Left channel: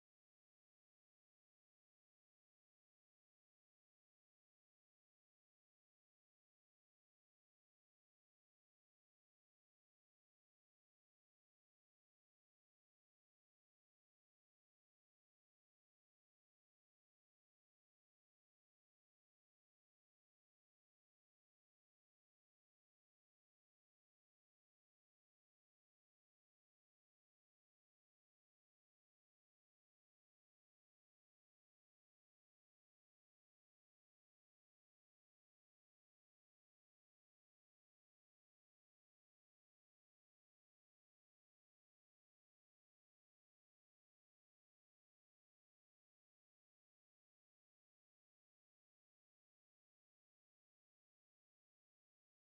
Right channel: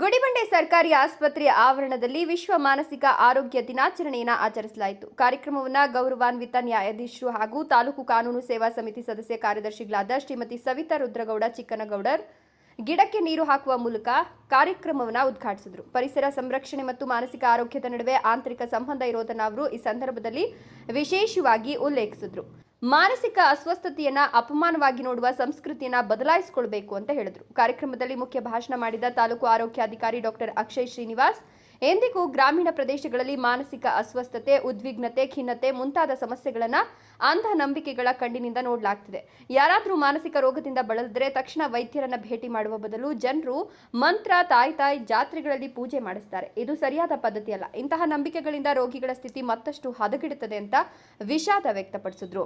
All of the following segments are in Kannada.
ಗುಡಿಬಂಡೆ ಸರ್ಕಾರಿ ಆಸ್ಪತ್ರೆಯ ಆವರಣದಲ್ಲಿ ವಿಶ್ವ ಮಾನಸಿಕ ಆರೋಗ್ಯ ದಿನಾಚರಣೆಯನ್ನು ಆಚರಿಸಲಾಯಿತು. ಕಾರ್ಯಕ್ರಮವನ್ನು ಗೌರವಾನ್ವಿತ ನ್ಯಾಯಾಧೀಶರು ಹಾಗೂ ತಾಲೂಕು ಕಾನೂನು ಸೇವಾ ಸಮಿತಿ ಸದಸ್ಯ ಕಾರ್ಯದರ್ಶಿಗಳಾದ ಶ್ರೀಮತಿ ಸವಿತಾ ರುದ್ರಗೌಡ, ಚಿಕ್ಕನಗೌಡರ್, ಗಿಡಕ್ಕೆ ನೀರು ಹಾಕುವ ಮೂಲಕ ಕಾರ್ಯಕ್ರಮವನ್ನು ಉದ್ಘಾಟಿಸಿದರು. ಪರಿಸರ ಸಂರಕ್ಷಣೆ ಮತ್ತು ಮಾನಸಿಕ ಆರೋಗ್ಯದ ನಡುವೆ ಆಂತರಿಕ ಸಂಬಂಧ ಇರೋದನ್ನು ಅವರು ಈ ಸಂದರ್ಭದಲ್ಲಿ ವಿಶೇಷವಾಗಿ ಉಲ್ಲೇಖಿಸಿದರು. ಮಾನಸಿಕ ಅಸ್ವಸ್ಥತೆಯನ್ನ ಅಪಮಾನವಾಗಿ ನೋಡುವ ಸಂಸ್ಕೃತಿಯನ್ನ ಬದಲಾಯಿಸಿಕೊಳ್ಬೇಕು ಅಂತ ಹೇಳಿದ್ರು. ಕಾರ್ಯಕ್ರಮದಲ್ಲಿ ಮುಖ್ಯ ಭಾಷಣ ಮಾಡಿದ ತಾಲೂಕು ಆರೋಗ್ಯಾಧಿಕಾರಿ ಡಾಕ್ಟರ್ ಅಕ್ಷಯ್ ಶ್ರೀನಿವಾಸ್ ಎಂದಿಗೂ ಗ್ರಾಮೀಣ ಪ್ರದೇಶಗಳಲ್ಲಿ ಮಾನಸಿಕ ಅಸ್ವಸ್ಥತೆ, ಉದ್ವಿಗ್ನತೆ, ಖಿನ್ನತೆ ಮುಂತಾದ ಸಮಸ್ಯೆಗಳನ್ನ ಅಂಧ ನಂಬಿಕೆಗಳ ಕಣ್ಣಿನಿಂದ ನೋಡಲಾಗ್ತಿದೆ. ಯಾರಾದರೂ ಮಾನಸಿಕ ರೋಗದಿಂದ ಬಳಲಿದ್ರೆ ತಕ್ಷಣ ವೈದ್ಯರನ್ನ ಭೇಟಿ ಮಾಡುವ ಬದಲು ಜನರು ಮಂತ್ರ, ತಾಯಿ ತಾಯಿ ಜಾತ್ರೆಗಳಲ್ಲಿ ಪೂಜೆ ಮಾಡಿಸ್ತಾರೆ. ಇದು ಸರಿಯಾದ ಪದ್ಧತಿಯಲ್ಲ. ಇಂತಹ ನಂಬಿಕೆಗಳಿಂದ ರೋಗಿಗಳ ಸ್ಥಿತಿ ಮತ್ತಷ್ಟು ಹದಗೆಡುತ್ತದೆ ಅಂತ ವಿಷಾದ ವ್ಯಕ್ತಪಡಿಸಿದ್ರು.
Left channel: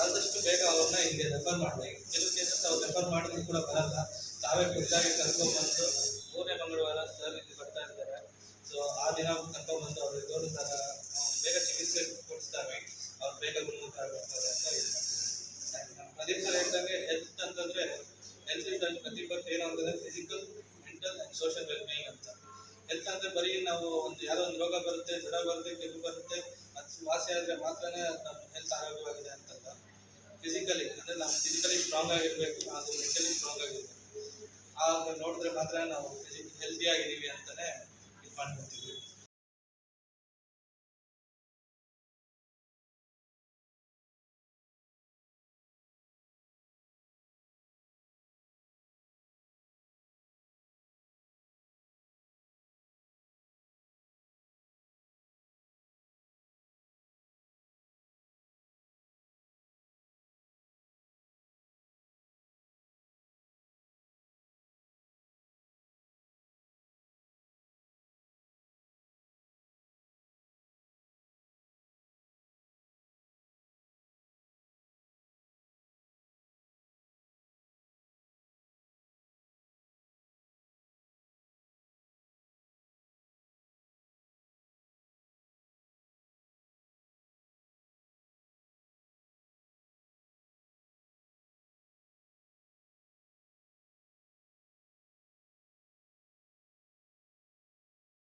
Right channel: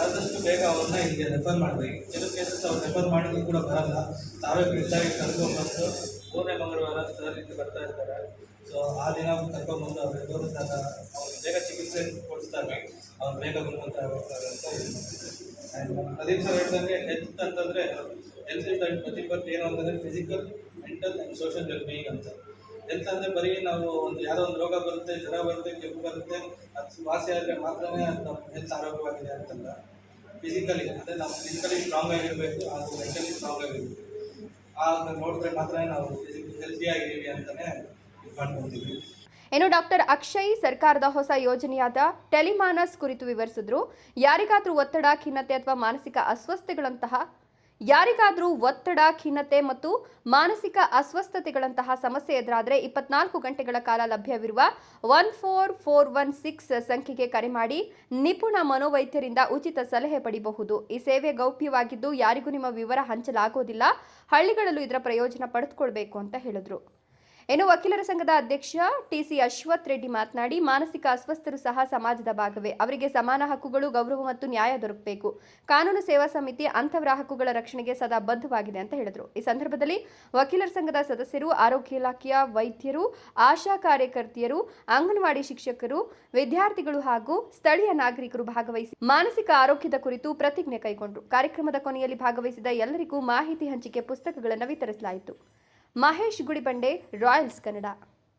ಆದಷ್ಟು ಬೇಗ ಅವ್ರನ್ನ ಇಲ್ಲಿಗೆ ರೆಫರ್ ಮಾಡಬೇಕು. ಕೆಲವು ಕೇಸಸ್ ಅವ್ರು ರೆಫರ್ ಮಾಡಿದ್ರು ಕೂಡ ಬರಲ್ಲ. ತಾವೇ ಖುದ್ದಾಗಿ ಕರ್ಕೊಂಡ್ಬಂದು ಮೂರನೇ ಮಂಗಳವಾರ ಸರ್ ಇಲ್ಲಿ ಬರ್ತಾ ಇರ್ತಾರೆ. ಸೊ ಆ ದಿನ ಕರ್ಕೊಂಡ್ಬಂದು ಅವ್ರಿಗೆ ತೋರಿಸಿದಾಗ ಅವ್ರಿಗೆ ಬೇಗ ಚಿಕಿತ್ಸೆ ಕೊಡಿಸಿದಾಗ ಅವ್ರು ಬೇಗ ಗುಣಮುಖ ಆಗ್ತಾರೆ ಅಂತ ಇದು ಥರ ಪ್ರದೀಪ್ ಸರ್ ಹೇಳ್ದಂಗೆ ಹೆಲ್ತ್ ಅಂತಂದರೆ ಹೆಲ್ತ್ ಇಸ್ ಪ್ರತಿಪತ್ತು ಏನು ಅಂತಂದರೆ physical mental and social well being ಅಂತ. ಹೆಲ್ತ್ ಅಂದರೆ ಬರೀ ನಾವು ಒಂದು ಯಾರೋ ಒಂದು ರೋಗ ಬರುತ್ತೆ, ಜ್ವರ ಬರುತ್ತೆ, ಕೆಮ್ಮು ಬರುತ್ತೆ, ಅದು ವಾಸಿ ಆದರೆ ಮಾತ್ರನೇ ಅದು ನಮ್ಮ ಹೆಲ್ತ್ ಆರೋಗ್ಯವಾಗಿದೆ ಅಂತಲ್ಲ. ಫಿಸಿಕಲಿ ಅಂದರೆ ನಾವು ಫಿಸಿಕಲಿ ಸ್ಟ್ರಾಂಗ್ ಆಗಿರಬೇಕು ಹಾಗೂ ಮೆಂಟಲಿ ಸ್ಟ್ರಾಂಗ್ ಆಗಿರಬೇಕು. ಆಗ ನೋಡಿದ್ರೆ ಮಾತ್ರ ನಾವು ಫಿಸಿಕ್ ಹೆಲ್ತಿ ಆಗಿದ್ದೀವಿ ಅಂತಲೇ ಇದು ಮಾಡ್ಕೊತೀವಿ. ಇನ್ನು ಡಾಕ್ಟರ್ ಅಕ್ಷಯ್ ಸರ್ಕಾರದ ಹೊಸ ಯೋಜನೆಯಾದ ಟೆಲಿಮಾನಸ್ ಕುರಿತು ವಿವರಿಸಿದ್ರು. ಯಾರಿಗಾದರೂ ಒತ್ತಡ, ಖಿನ್ನತೆ ಅಥವಾ ಮಾನಸಿಕ ಅಸ್ವಸ್ಥತೆಗಳಂತಹ ಯಾರಿಗಾದ್ರೂ ಒತ್ತಡ, ಖಿನ್ನತೆ ಮತ್ತು ಮಾನಸಿಕ ಅಸ್ವಸ್ಥತೆಗಳಂತಹ ಸಮಸ್ಯೆ ಎದುರಾದರೆ ಇಪ್ಪತ್ನಾಲ್ಕು ಗಂಟೆಗಳ ಕಾಲ ಲಭ್ಯವಿರುವ one four four one six ಸಂಖ್ಯೆಗೆ ಕರೆ ಮಾಡಿ ನಿಪುಣ ಮನೋವೈದ್ಯರಿಂದ ಉಚಿತ ಸಲಹೆ ಪಡೆಯಬಹುದು ಈ ಸೇವೆ ಗೌಪ್ಯವಾಗಿದ್ದು ಯಾರಿಗೂ ನಿಮ್ಮ ವಿವರ ಹಂಚಲಾಗೋದಿಲ್ಲ. ಹಳ್ಳಿಗಳಲ್ಲೂ ಇದರ ಪ್ರಯೋಜನ ಪಡೆದುಕೊಳ್ಬೇಕು ಅಂತ ಹೇಳಿದ್ರು. ಇನ್ನು ವಕೀಲರ ಸಂಘದ ಅಧ್ಯಕ್ಷ ಟಿಸಿ ಅಶ್ವಥ್ ರೆಡ್ಡಿ ಮಾತನಾಡಿ, ಮಾನಸಿಕ ಅಸ್ವಸ್ಥರು ಸಹ ಸಮಾಜದ ಭಾಗವೇ. ಅವರಿಗೆ ಸಮಾನ ಹಕ್ಕುಗಳು, ಗೌರವ ಮತ್ತು ನ್ಯಾಯ ದೊರಕಬೇಕು. ಕಾನೂನು ಸೇವಾ ಸಮಿತಿ ಅಂಥವರ ಹಕ್ಕುಗಳ ರಕ್ಷಣೆಗೆ ಸದಾ ಬದ್ಧವಾಗಿದೆ ಅಂತ ಹೇಳಿದರು. ಈ ಸಂದರ್ಭದಲ್ಲಿ ವಕೀಲರ ಸಂಘದ ಸದಸ್ಯರು, ಆರೋಗ್ಯ ಇಲಾಖೆಯ ವೈದ್ಯರು, ಆಶಾ ಕಾರ್ಯಕರ್ತೆಯರು, ಅಂಗನವಾಡಿ ಶಿಕ್ಷಕರು, ವಿದ್ಯಾರ್ಥಿಗಳು ಹಾಗೂ ಸ್ಥಳೀಯ ನಾಗರಿಕರು ಭಾಗವಹಿಸಿ ಮಾನಸಿಕ ಆರೋಗ್ಯದ ಕುರಿತು ಪ್ರತಿಜ್ಞೆ ಕೈಗೊಂಡರು. ಕಾರ್ಯಕ್ರಮದ ಕೊನೆಯಲ್ಲಿ ಭಾಗವಹಿಸಿದ ಎಲ್ಲರಿಗೂ ಮಾಹಿತಿ ಹಂಚಿಕೆ ಪುಸ್ತಕಗಳನ್ನು ವಿತರಿಸಲಾಯಿತು. ಮಹೇಶ್ ಗುಡಿಬಂಡೆ ರಾಯಲ್ಸ್ ಕನ್ನಡ.